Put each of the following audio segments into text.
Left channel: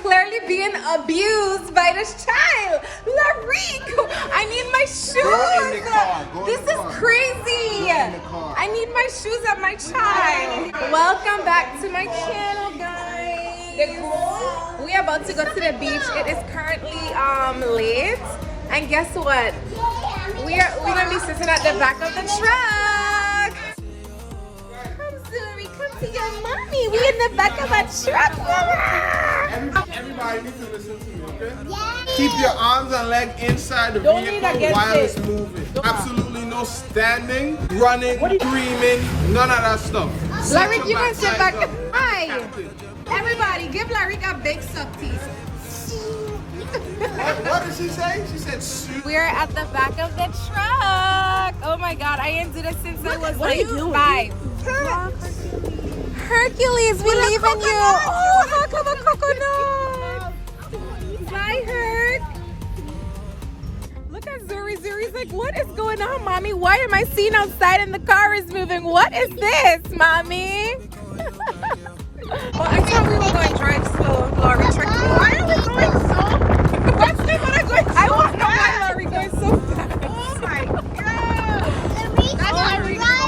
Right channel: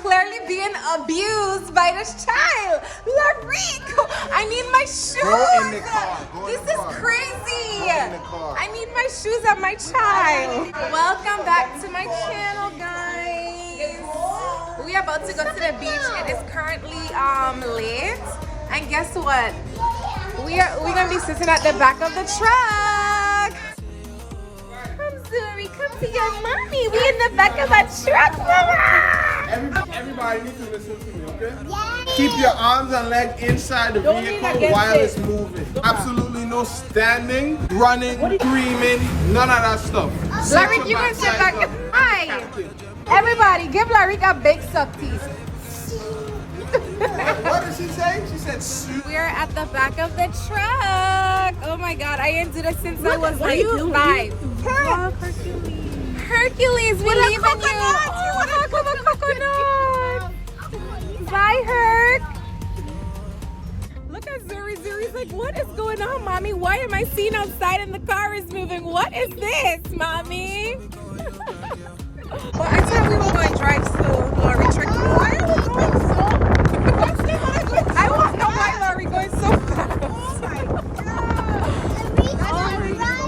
clearly being abused by this child. Larico, I need my shoes. Go in the car. This is crazy. I need my shoes at my child. Welcome back to my channel, guys. We are about to go to the beach. It is currently late, and guess what? We're gonna be sitting at the back of the truck. Come, Zuri, come to your mommy. We in the back of a truck, mama. Everybody needs to listen to me, okay? Yeah. Keep your arms and legs inside the vehicle while it's moving. Absolutely no standing, running, screaming, none of that stuff. Larry, you can sit back. Hi. Everybody, give Larry a big suck tease. What did she say? She said we're at the back of the truck. Oh my god, I didn't do this since I was like 5. Hercules, we leaving you. Oh, how come a coconut? Bye, Herc. Look at Zuri. Zuri's like, what is going on, mommy? Why am I seen outside and the car is moving? What is this, mommy? Well, I thought we were going to drive slow, Laurie. Why are we going slow? I want to know why Laurie going so fast. Oh my god! That's Laurie going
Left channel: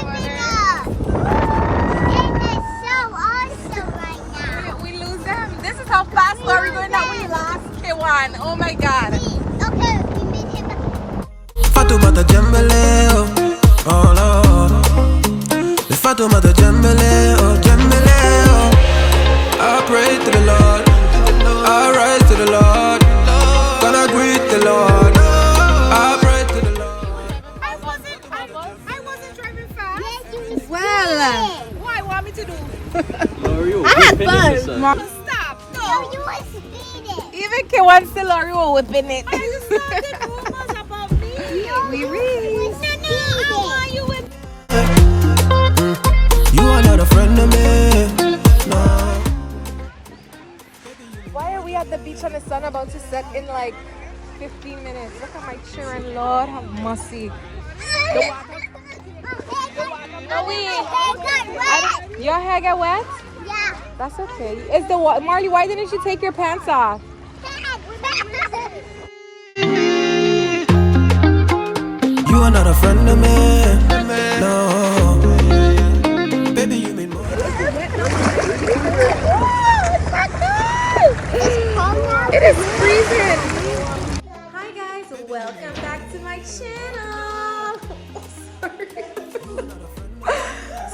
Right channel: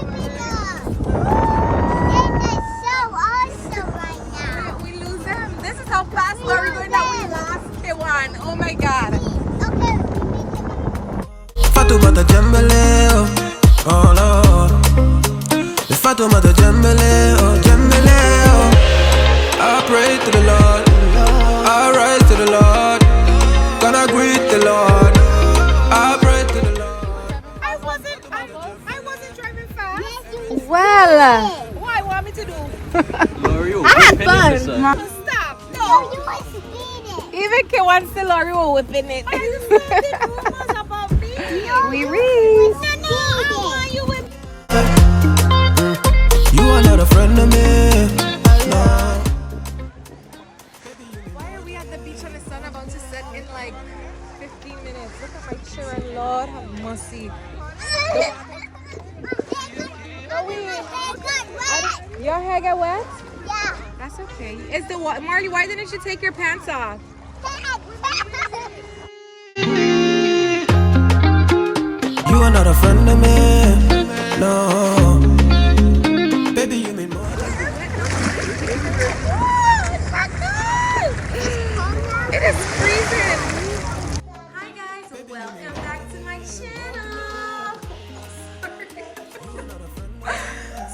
It's so awesome right now. We lose them. This is how fast Laurie going that we lost K1. Oh my god. Okay, we meet him. Fatoumata Jembele, oh Lord. The Fatoumata Jembele, oh Jembele, oh. I pray to the Lord, I rise to the Lord, gonna greet the Lord, I pray to the Lord. I wasn't driving fast. Yes, Well, what you want me to do? Stop. no, you were speeding. Even K1 still Laurie was whipping it. We reached. You are not a friend of me, no. Why are we at the beach on the sun about to set in like 15 minutes? Look at my children, Lord, how musty. Your hair get wet? Yeah. That's okay. Is the Marley? Why didn't you take your pants off? You are not a friend of me, no. Baby, you mean more. It is freezing. Hi guys, welcome back to my channel. Sorry.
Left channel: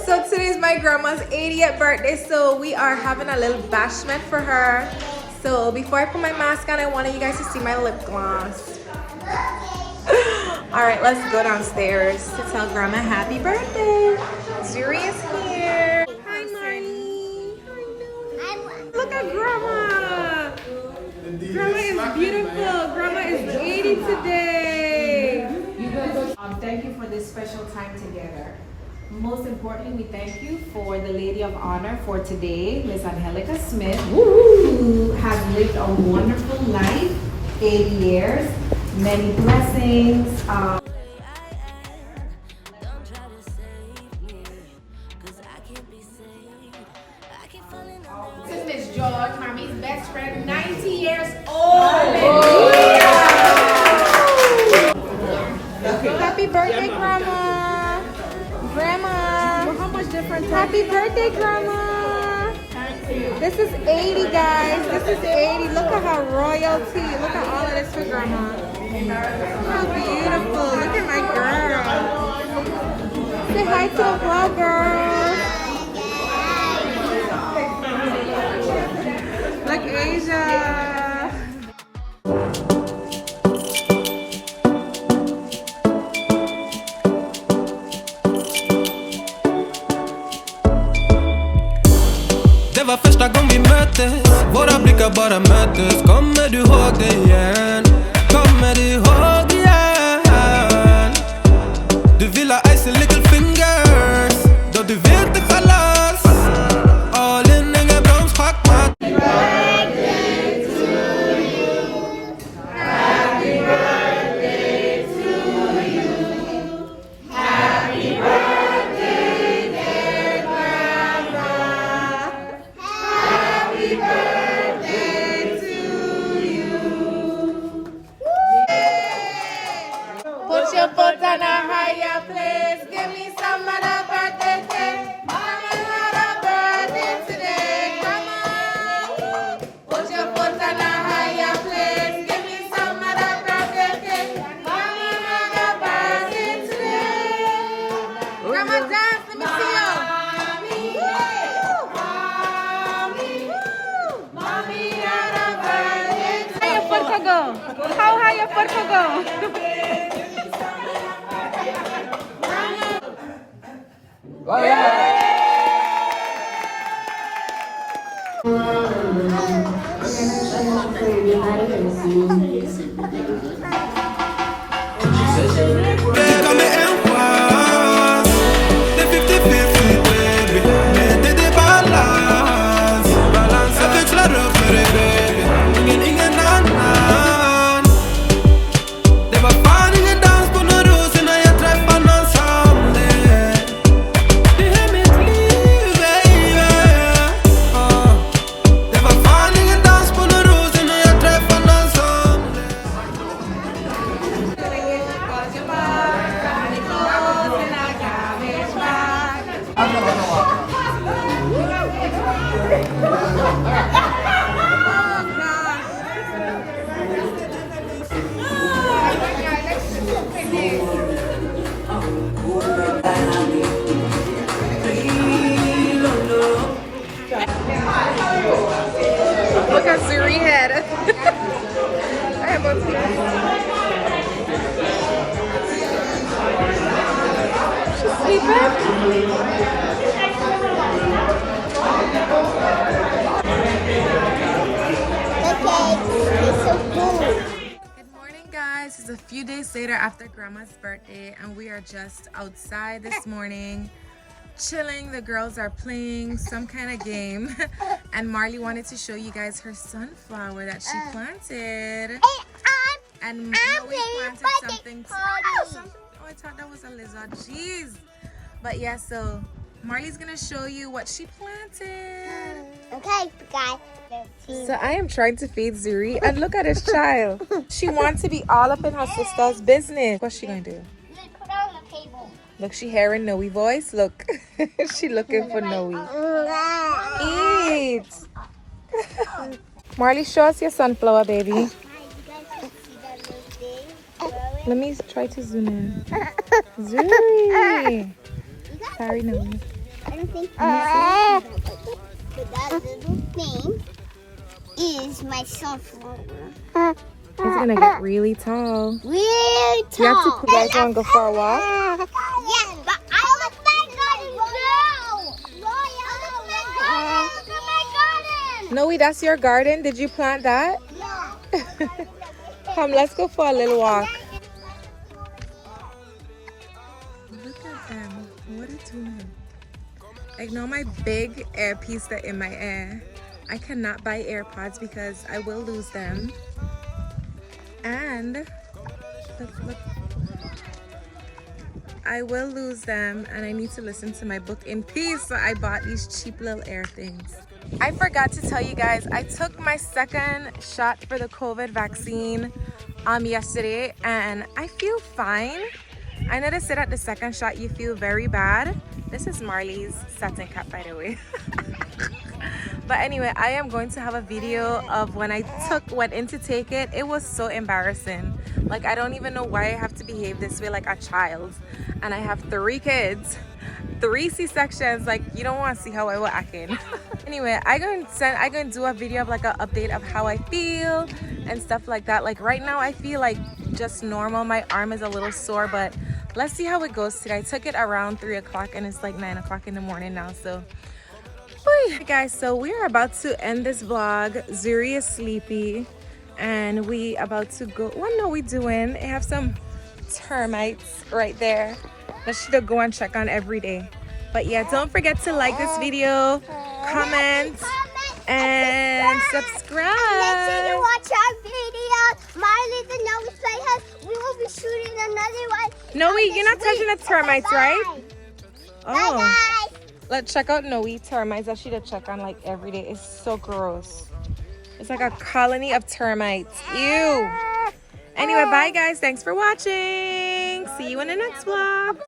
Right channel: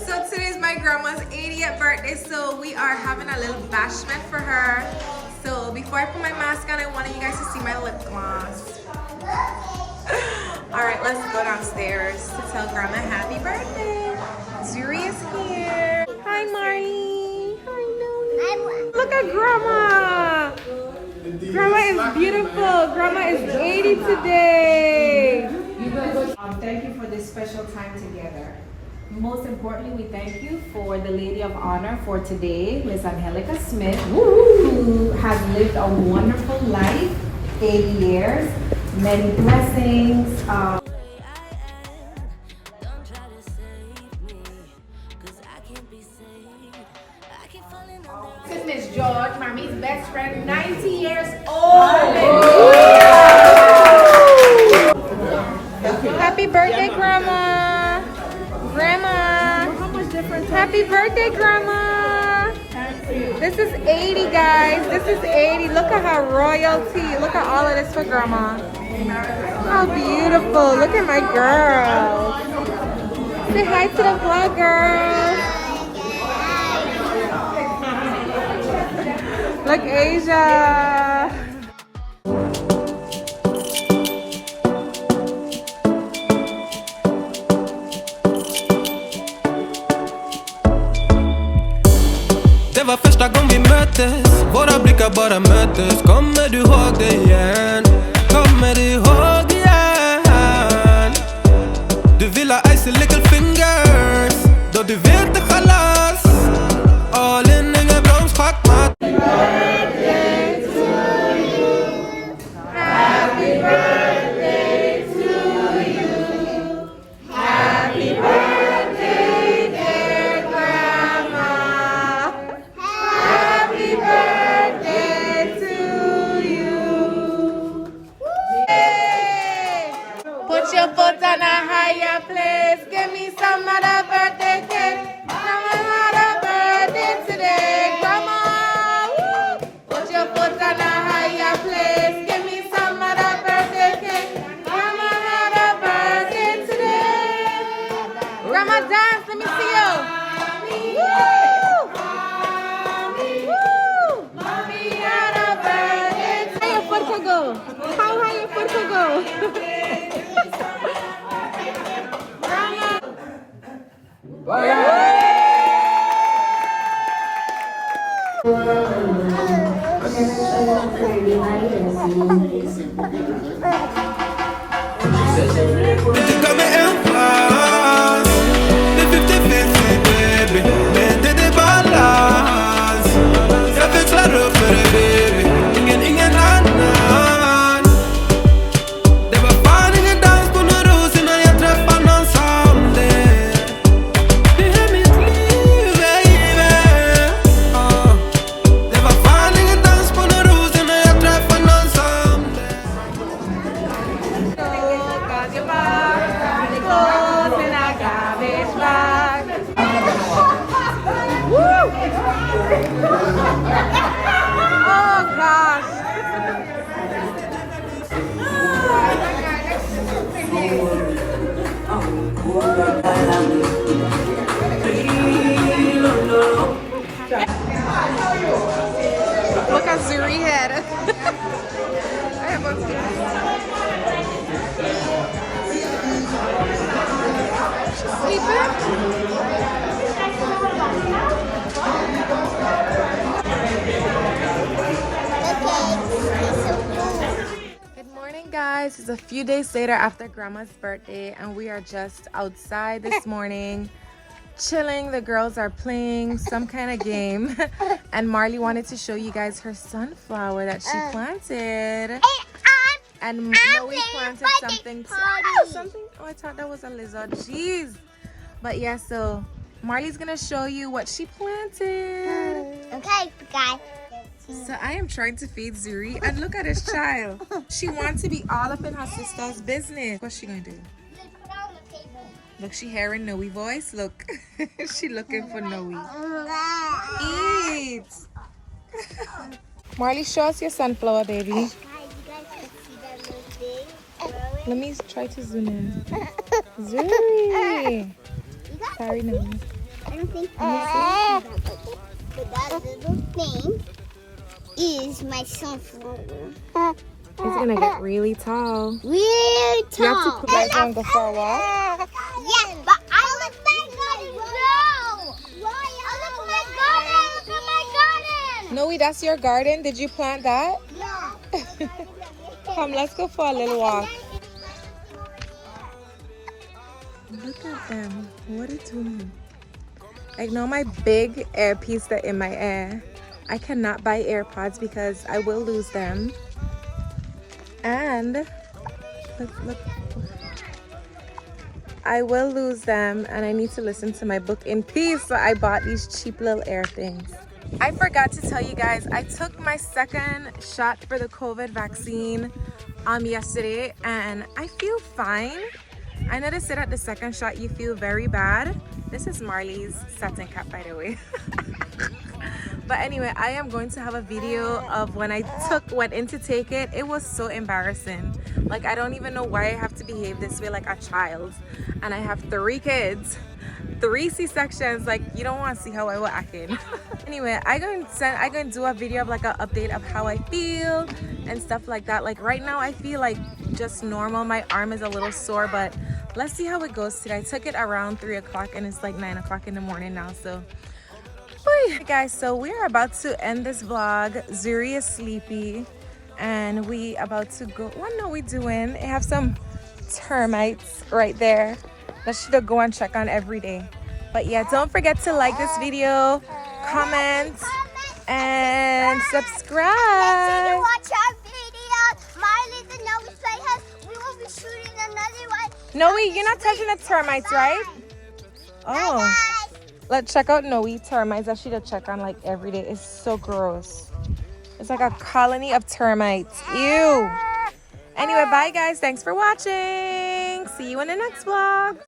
So today's my grandma's 80th birthday, so we are having a little bashment for her. So before I put my mask on, I wanted you guys to see my lip gloss. All right, let's go downstairs to tell grandma happy birthday. Zuri is here. Hi, Marnie. Hi, Millie. Look at grandma. Grandma is beautiful. Grandma is 80 today. Thank you for this special time together. Most importantly, we thank you for the Lady of Honor for today, Miss Angelica Smith, who has lived a wonderful life, 80 years, many blessings. This is Miss George, Mommy's best friend, 90 years old. Happy birthday, Grandma. Grandma. Happy birthday, Grandma. This is 80, guys. This is 80. Look at her royalty. Look at all of this for Grandma. How beautiful. Look at my girl. Say hi to the vlog, girl. Look, Asia. Det var första gången vi möttes, våra blickar bara möttes. Kommer du ihåg det igen? Kommer du ihåg det igen? Du vill ha icy little fingers, då du vet det chalas. All in, ingen broms, schackmatt. To see you. Woo! Woo! How your puerco go? How high your puerco go? Got me en face. Det 50-50 baby. Men det är balans. Jag växlar upp med dig baby. Ingen annan. Det var fan ingen dans på någon ros innan jag träffade någon som det. Det är mitt liv baby. Det var fan ingen dans på någon ros innan jag träffade någon som det. Oh gosh. Look at Zuri head. I am about to go. She's sleeping. It's so cool. Good morning, guys. It's a few days later after Grandma's birthday, and we are just outside this morning, chilling. The girls are playing some kind of game, and Marley wanted to show you guys her sunflower that she planted. And Noe planted something. Something. Oh, I thought that was a lizard. Jeez. But yeah, so Marley's gonna show you what she planted. Okay, guys. So I am trying to feed Zuri, and look at this child. She wants to be all up in her sister's business. What's she gonna do? Look, she hearing Noe voice. Look, she looking for Noe. Eat. Marley, show us your sunflower, baby. Let me try to zoom in. Zuri. Sorry, Noe. I don't think but that little thing is my sunflower. It's gonna get really tall. Really tall. You have to put that on, go for a walk. Yes, but I look at my garden. No! Look at my garden. Look at my garden. Noe, that's your garden. Did you plant that? Yeah. Come, let's go for a little walk. Look at them. What are you doing? I know my big earpiece that in my ear. I cannot buy AirPods because I will lose them. And look. I will lose them, and I need to listen to my book in peace. So I bought these cheap little ear things. I forgot to tell you guys, I took my second shot for the COVID vaccine yesterday, and I feel fine. I know they said at the second shot you feel very bad. This is Marley's satin cap, by the way. But anyway, I am going to have a video of when I went in to take it. It was so embarrassing. Like, I don't even know why I have to behave this way like a child. And I have 3 kids, 3 C-sections. Like, you don't want to see how I was acting. Anyway, I'm going to do a video of like an update of how I feel and stuff like that. Like right now, I feel like just normal. My arm is a little sore, but let's see how it goes today. I took it around 3 o'clock and it's like 9 o'clock in the morning now. So hey guys, so we're about to end this vlog. Zuri is sleepy and we about to go. What are we doing? I have some termites right there that should go and check on every day. But yeah, don't forget to like this video, comment, and subscribe. Make sure you watch our videos. Marley the Noe Playhouse. We will be shooting another one. Noe, you're not touching the termites, right? Oh. Bye. Let's check out Noe termites. I should check on like every day. It's so gross. It's like a colony of termites. Ew. Anyway, bye guys. Thanks for watching. See you in the next vlog.